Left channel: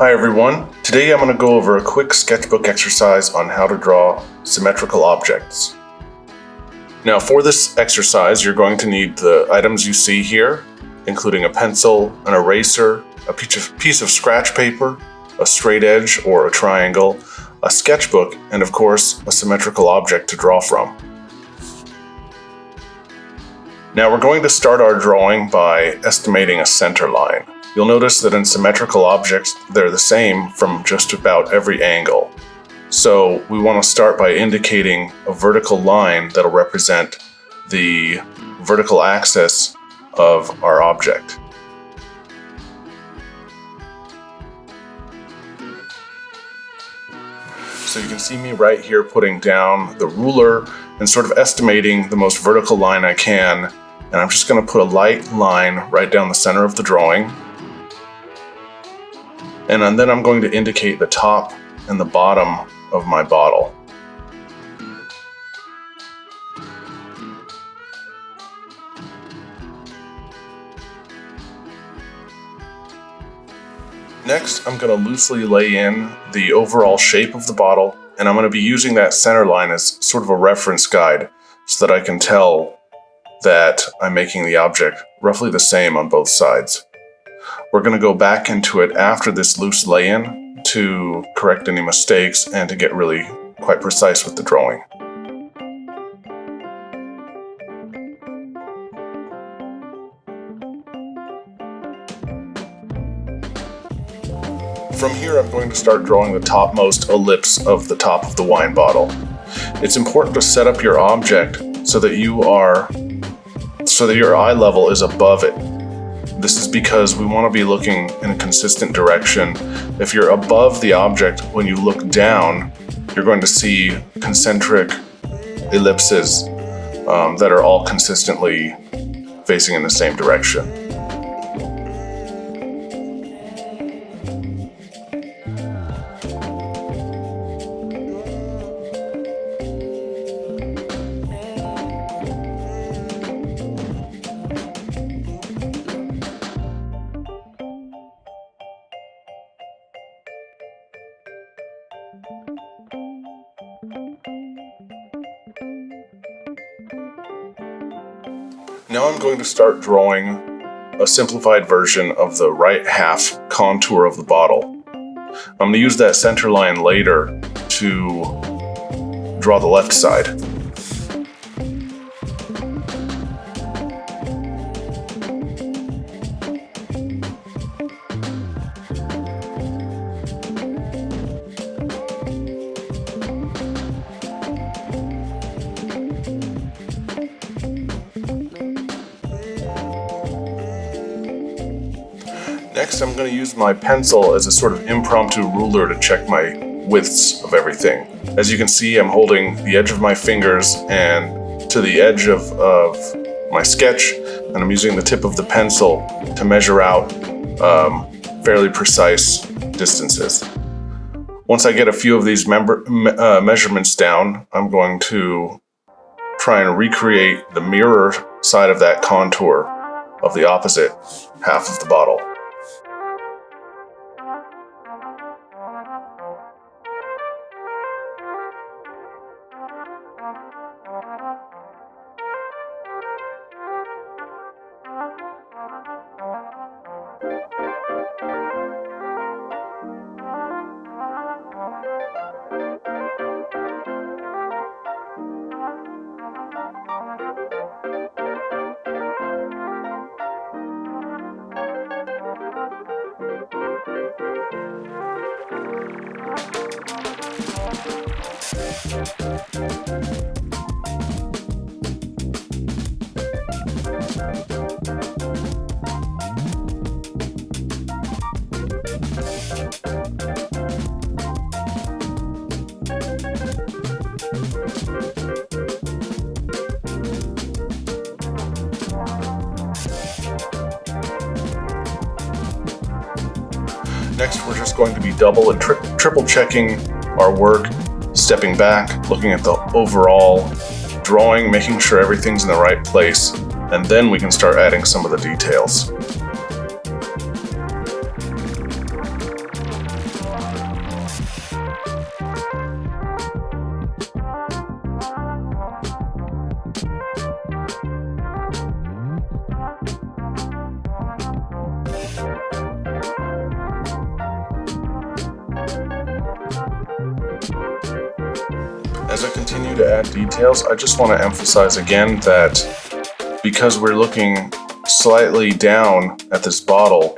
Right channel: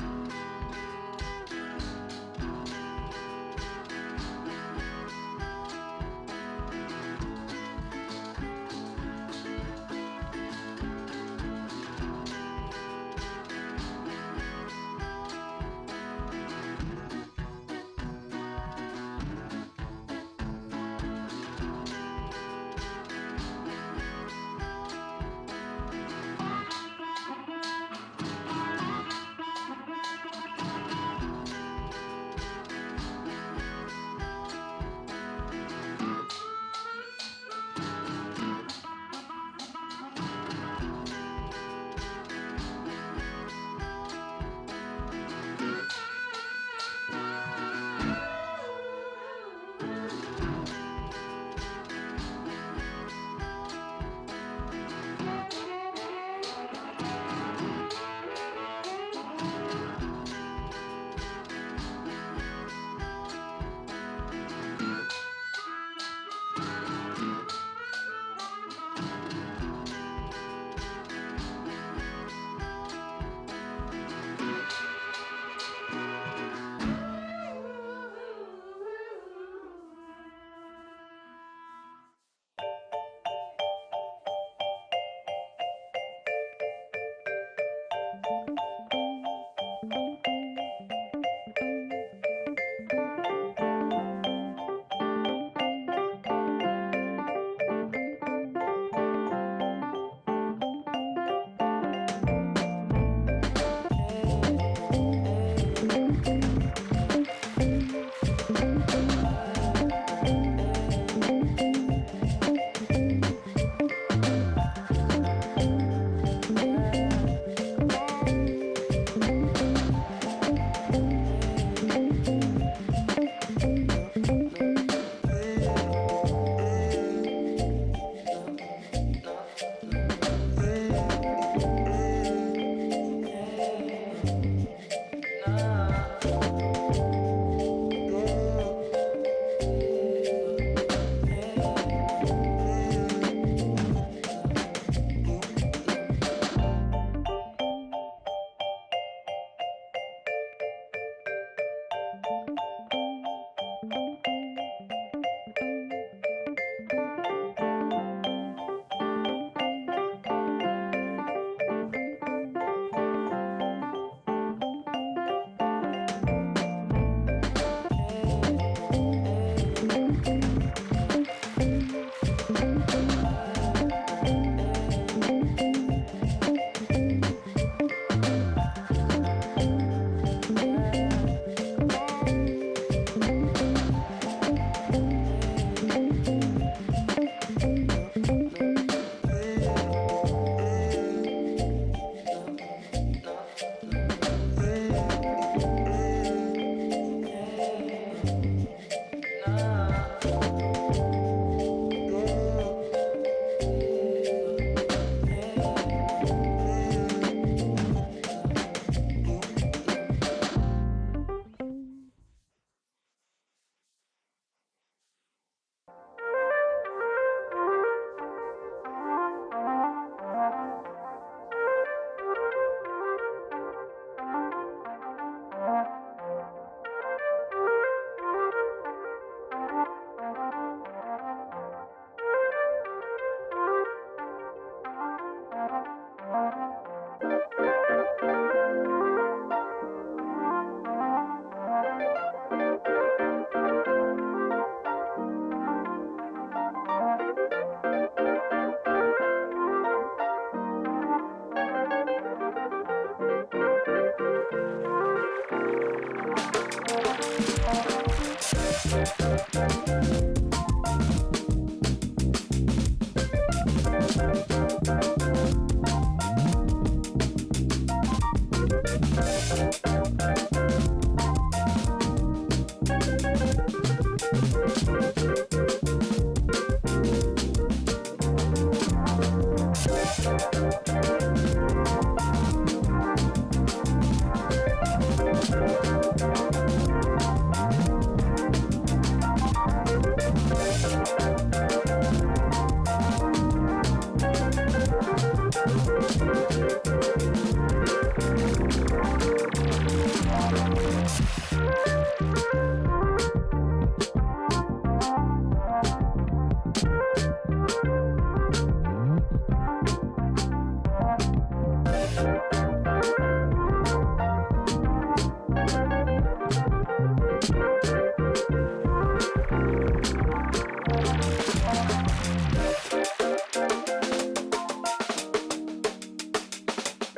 Hi everyone, today I'm going to go over a quick sketchbook exercise on how to draw symmetrical objects. Now for this exercise you're going to need the items you see here, including a pencil, an eraser, a piece of scratch paper, a straight edge or a triangle, a sketchbook, and of course a symmetrical object to draw from. Now we're going to start our drawing by estimating a center line. You'll notice that in symmetrical objects, they're the same from just about every angle. So we want to start by indicating a vertical line that'll represent the vertical axis of our object. So you can see me right here putting down the ruler and sort of estimating the most vertical line I can. And I'm just going to put a light line right down the center of the drawing. And then I'm going to indicate the top and the bottom of my bottle. Next, I'm going to loosely lay in the overall shape of the bottle, and I'm going to be using that center line as sort of a reference guide so that I can tell that I'm making the object roughly the same on both sides. We're going to go back into it after this loose lay-in to correct any mistakes and to get really quite precise with the drawing. From here I'm going to start drawing the topmost ellipse of the top of the wine bottle. It's important to set up your object so that your eye level is above it. This is because we want to be looking in a consistent direction. If you're above the object, when you look down, you're going to see concentric ellipses that are all consistently facing in the same direction. Now I'm going to start drawing a simplified version of the right half contour of the bottle. I'm going to use that center line later to draw the left side. Next, I'm going to use my pencil as a sort of impromptu ruler to check my widths of everything. As you can see, I'm holding the edge of my fingers and to the edge of my sketch, and I'm using the tip of the pencil to measure out fairly precise distances. Once I get a few of these measurements down, I'm going to try and recreate the mirror side of that contour of the opposite half of the bottle. Next, we're just going to be double and triple checking our work, stepping back, looking at the overall drawing, making sure everything's in the right place, and then we can start adding some of the details. add details. I just want to emphasize again that because we're looking slightly down at this bottle,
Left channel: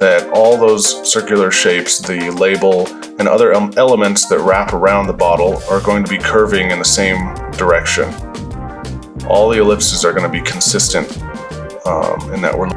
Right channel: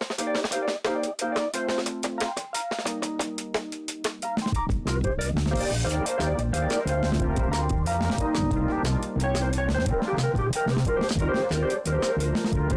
that all those circular shapes, the label, and other elements that wrap around the bottle are going to be curving in the same direction. All the ellipses are going to be consistent in that we're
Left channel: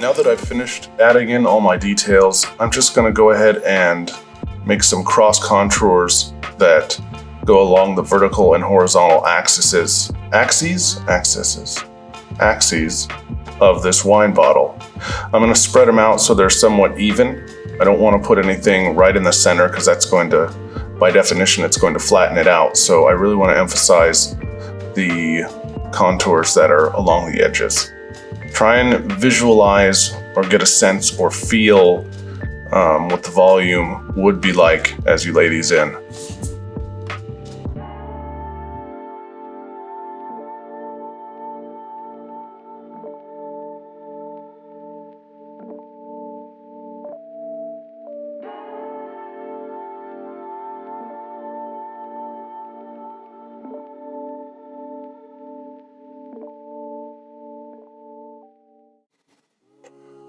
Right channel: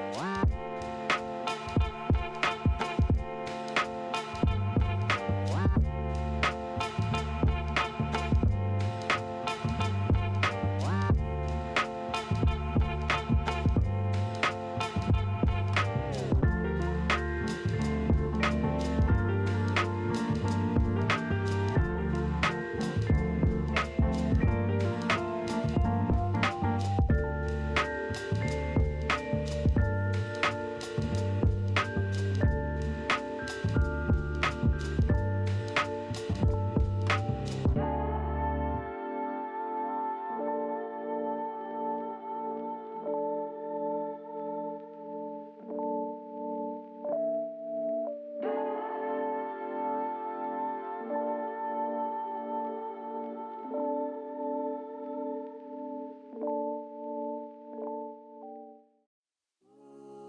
Now that I've finished adding in all my details, I'm just going to go ahead and make some cross contours that go along the vertical and horizontal axes of this wine bottle. I'm going to spread them out so they're somewhat even. I don't want to put anything right in the center because that's going to, by definition, it's going to flatten it out. So I really want to emphasize the contours that are along the edges. Try and visualize or get a sense or feel what the volume would be like as you lay these in.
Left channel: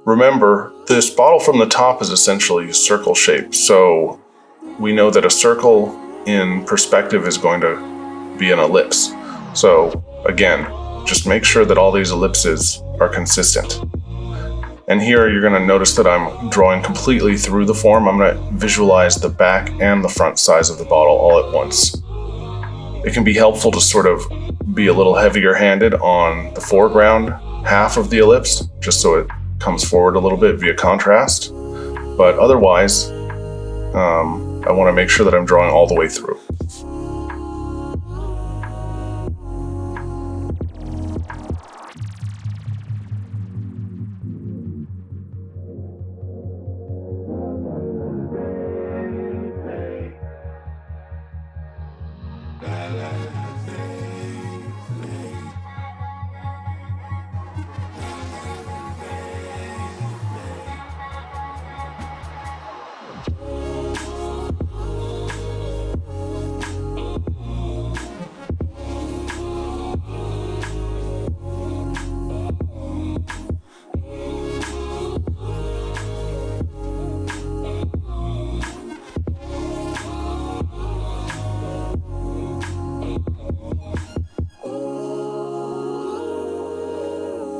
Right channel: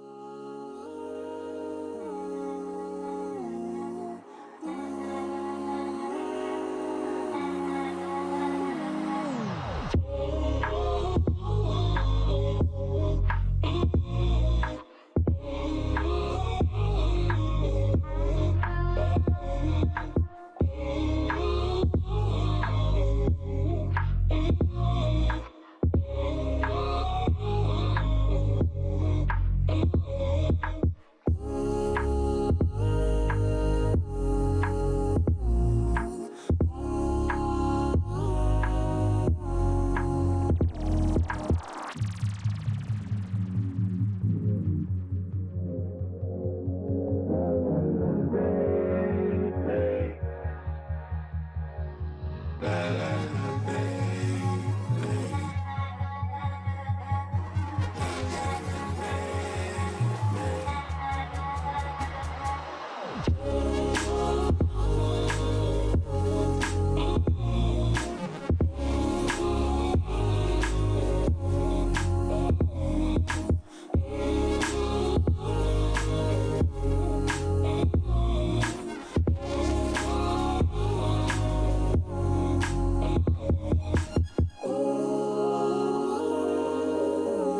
Remember, this bottle from the top is essentially circle shaped, so we know that a circle in perspective is going to be an ellipse. So again, just make sure that all these ellipses are consistent. And here you're going to notice that I'm drawing completely through the form. I'm going to visualize the back and the front sides of the bottle all at once. It can be helpful to sort of be a little heavier handed on the foreground half of the ellipse, just so it comes forward a little bit via contrast, but otherwise I want to make sure that I'm drawing all the way through.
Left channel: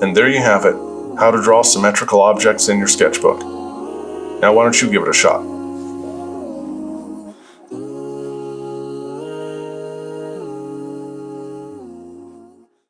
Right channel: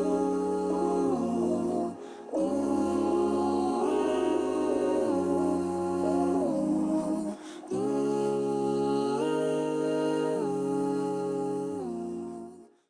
And there you have it, how to draw symmetrical objects in your sketchbook. Now why don't you give it a shot?